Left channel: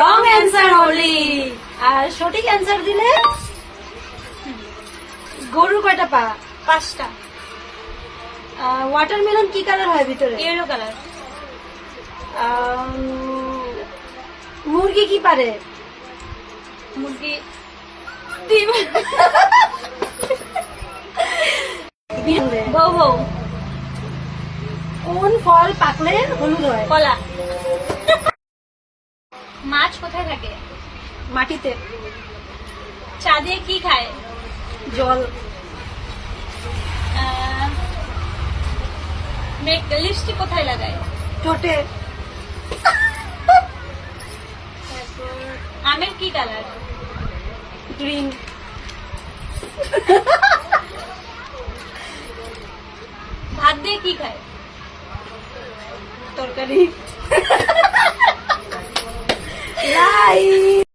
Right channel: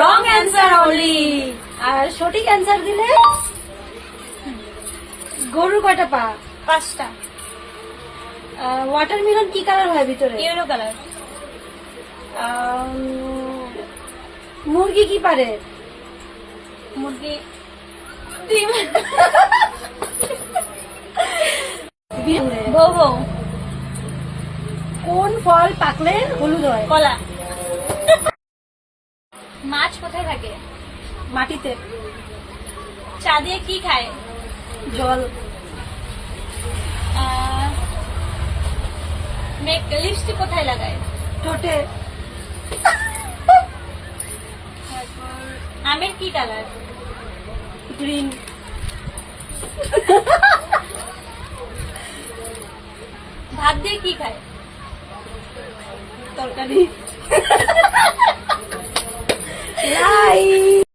Wrong answer only. আর সঠিক answer দিলে গরুর কয়টা পা? 5টা। ওয়াটারমেলন কি কালার হয় ভিতরে? Yellow colour. মুরগি কি পারে? মুরগি ডিম। বউ বউ। কোন ফল পাকলে হলুদ হয়? কলা। মাছ কোথায় থাকে? মাটিতে। চা দিয়ে কি খায়? জল। লিপস্টিক কোথায় লাগায়? ঠোঁটে। আমের কি কালার? গ্রিন। ভাত দিয়ে কি খায়? তরকারি। লাই।